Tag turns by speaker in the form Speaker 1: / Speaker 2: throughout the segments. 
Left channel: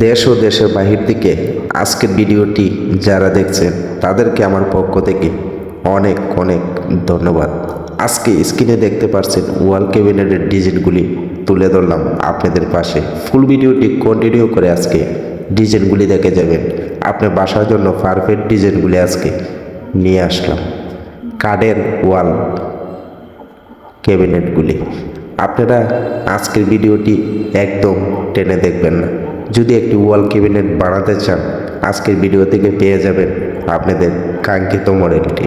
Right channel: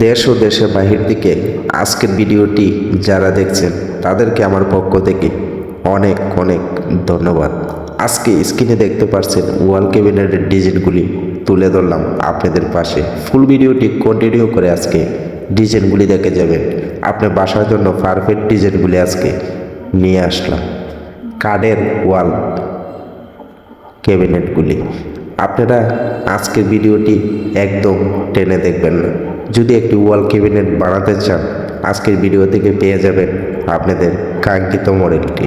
Speaker 1: দেশ ও দেশের বাহির থেকে আজকের ভিডিওটি যারা দেখছেন, তাদেরকে আমার পক্ষ থেকে অনেক অনেক ধন্যবাদ। আজকে স্ক্রিনে দেখতে পাচ্ছেন ওয়াল ক্যাবিনেটের ডিজাইনগুলি তুলে ধরলাম আপনাদের পাশে। ফুল ভিডিওটি কন্টিনিউ করে আজকে ডিজাইনগুলি দেখে যাবেন। আপনার বাসার জন্য পারফেক্ট ডিজাইনগুলি আজকে নিয়ে আসলাম। কাঠের ওয়াল ক্যাবিনেটগুলি। আপনারা আজকের ভিডিওটি একদম টেনে দেখবেন না। যদি একটি ওয়াল ক্যাবিনেট বানাতে চান, আজকের ভিডিও থেকে পেয়ে যাবেন আপনাদের কাঙ্ক্ষিত মডেলটি।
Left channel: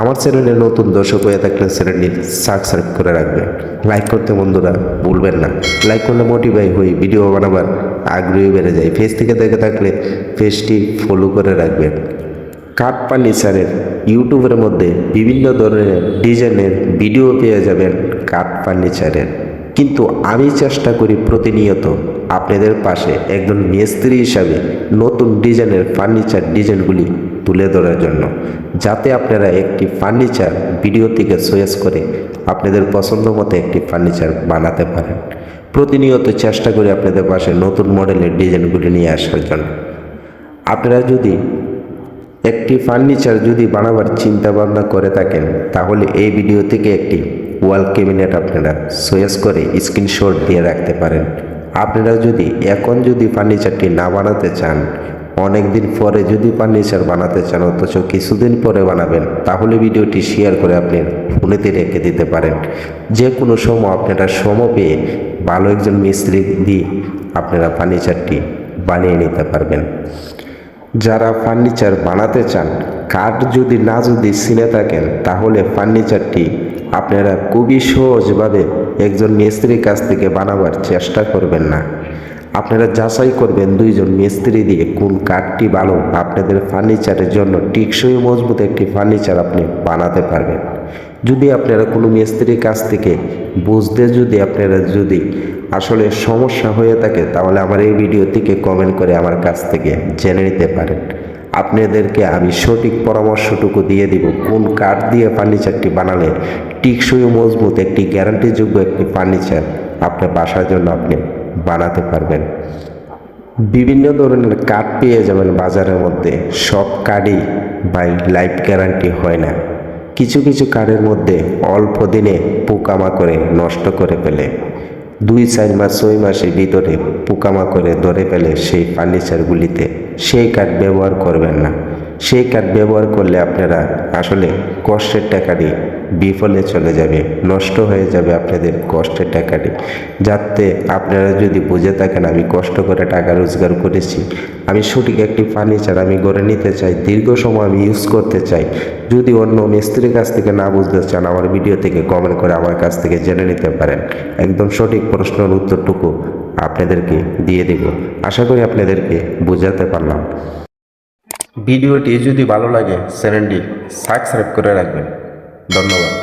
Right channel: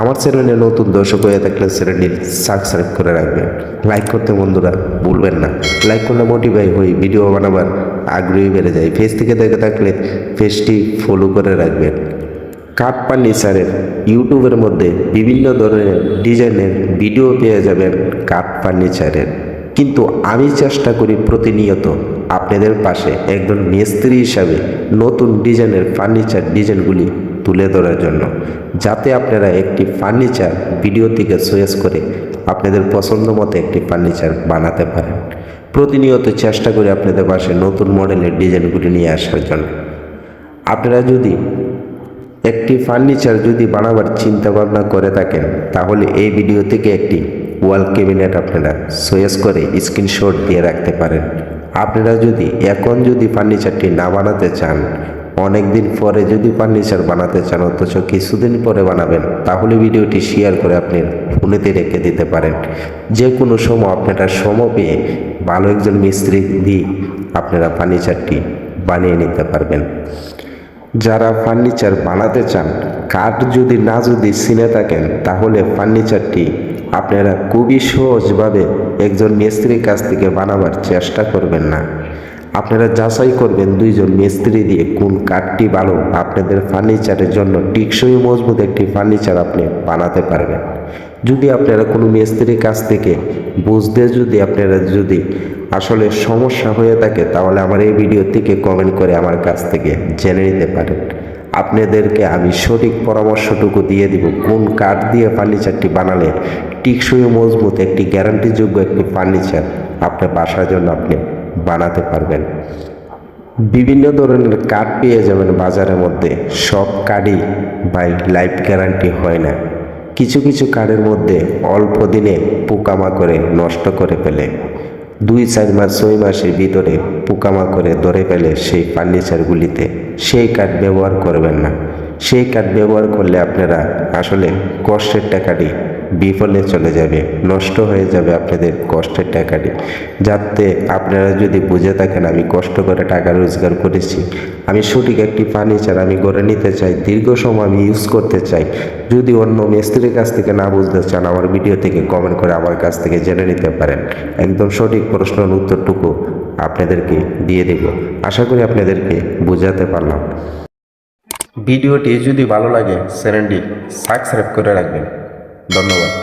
Speaker 1: আমার চ্যানেলে নতুন দর্শক হয়ে থাকলে চ্যানেলটি সাবস্ক্রাইব করে রাখবেন। লাইক করতে বন্ধুরা ভুলবেন না। লাইক করলে মোটিভাই হই ভিডিও বানাবার আগ্রহী বেড়ে যায়। ফেস থেকে দেখে থাকলে পেজটি ফলো করে রাখবেন। কাঠ ফার্নিচারের ইউটিউবের মধ্যে বিভিন্ন ধরনের ডিজাইনের ভিডিও পেয়ে যাবেন কাঠ ফার্নিচারের কিন্তু আমি চেষ্টা করি প্রতিনিয়ত আপনাদের পাশে একজন মিস্ত্রি হিসাবে নতুন ডিজাইনের ফার্নিচার ডিজাইনগুলি তুলে ধরার জন্য, যাতে আপনারা একটি ফার্নিচার ভিডিও থেকে চয়েস করে আপনাদের পছন্দ মতো একটি ফার্নিচার বানাতে পারেন। প্রতিনিয়ত চেষ্টা করি আপনাদের পাশে নতুন মডেলের ডিজাইনগুলি নিয়ে আসার জন্য। আপনারা যদি একটি ফার্নিচার যদি বানাবার চিন্তা ভাবনা করে থাকেন, তাহলে এই ভিডিও থেকে একটি ওয়াল ক্যাবিনেট আপনারা চয়েস করে স্ক্রিনশট দিয়ে রাখতে পারেন। আপনারা যদি এখন যদি ফার্নিচারটি না বানাতে চান অনেক দিন পরে যদি ফার্নিচার বানাতে চান, অথচ কিছুদিন পরে বানাবেন, তাহলে ভিডিওটি শেয়ার করে আপনি ফোনেতে রেখে দিতে পারেন। যে কোনো সময় আপনারা সময় পেয়ে ভালো একজন মিস্ত্রি দিয়ে আপনারা ফার্নিচারটি বানিয়ে নিতে পারবেন। যারা ফার্নিচার বানাতে চান, কাঠ যদি না যদি সিলে থাকেন, তাহলে ফার্নিচারটি আপনারা খুবই সহজভাবে একজন মিস্ত্রির কাছ থেকে বানাবার চেষ্টা করবেন না। আপনারা যাচাই করবেন দুইজন মিস্ত্রি দিয়ে কোন কাঠটি ভালো। আপনাদের ফার্নিচারের জন্য টিকসই মজবুত একটি ফার্নিচার আপনি বানাতে পারবেন। যদি আপনারা কোনো মিস্ত্রির কাছ থেকে বুঝতে যদি আপনারা যদি আসলে সমস্যা হয়ে থাকে, তাহলে আমার এই ভিডিও থেকে কমেন্ট করে আমার কাছ থেকে জেনে নিতে পারেন। আপনাদেরকে আমি সঠিক পরামর্শটুকু দিয়ে দিব। কোন কাঠ দিয়ে ফার্নিচারটি বানালে টিকসই মজবুত একটি গ্যারান্টিযোগ্য একটি ফার্নিচার আপনার বাসার জন্য আপনি বানাতে পারবেন। বিভিন্ন ধরনের কাঠ পেয়ে যাবেন বাজারের মধ্যে। সব কাঠই বাই লাইফ গ্যারান্টি হয় না। কিছু কিছু কাঠের মধ্যে অল্প দিনে পোকামাকড়ে নষ্ট করে ফেলে। দুই চার মাস ছয় মাসের ভিতরে পোকামাকড়ে ধরে ফেলে সেই ফার্নিচারগুলিতে সেই কাঠ ব্যবহার করবেন না। সেই কার্ড ব্যবহার করলে আপনারা আসলে কষ্টের টাকাটি বিফলে চলে যাবে, নষ্ট হয়ে যাবে আপনাদের কষ্টের টাকাটি। যাতে আপনারা যদি বুঝে থাকেন, আমি কষ্ট করে টাকা রোজগার করেছি, আমি সঠিক একটি ফার্নিচার আমি গড়ে নিতে চাই, দীর্ঘ সময় আমি ইউজ করতে চাই। যদি অন্য মিস্ত্রির কাছ থেকে না বুঝতে চান, আমার ভিডিও থেকে কমেন্ট করে আমার কাছ থেকে জেনে নিতে পারেন। একদম সঠিক প্রশ্নের উত্তরটুকু আপনাদেরকে দিয়ে দেব। আশা করি আপনাদেরকে বোঝাতে পারলাম। ভিডিওটি যদি ভালো লাগে চ্যানেলটি সাবস্ক্রাইব করে রাখবেন। ধন্যবাদ।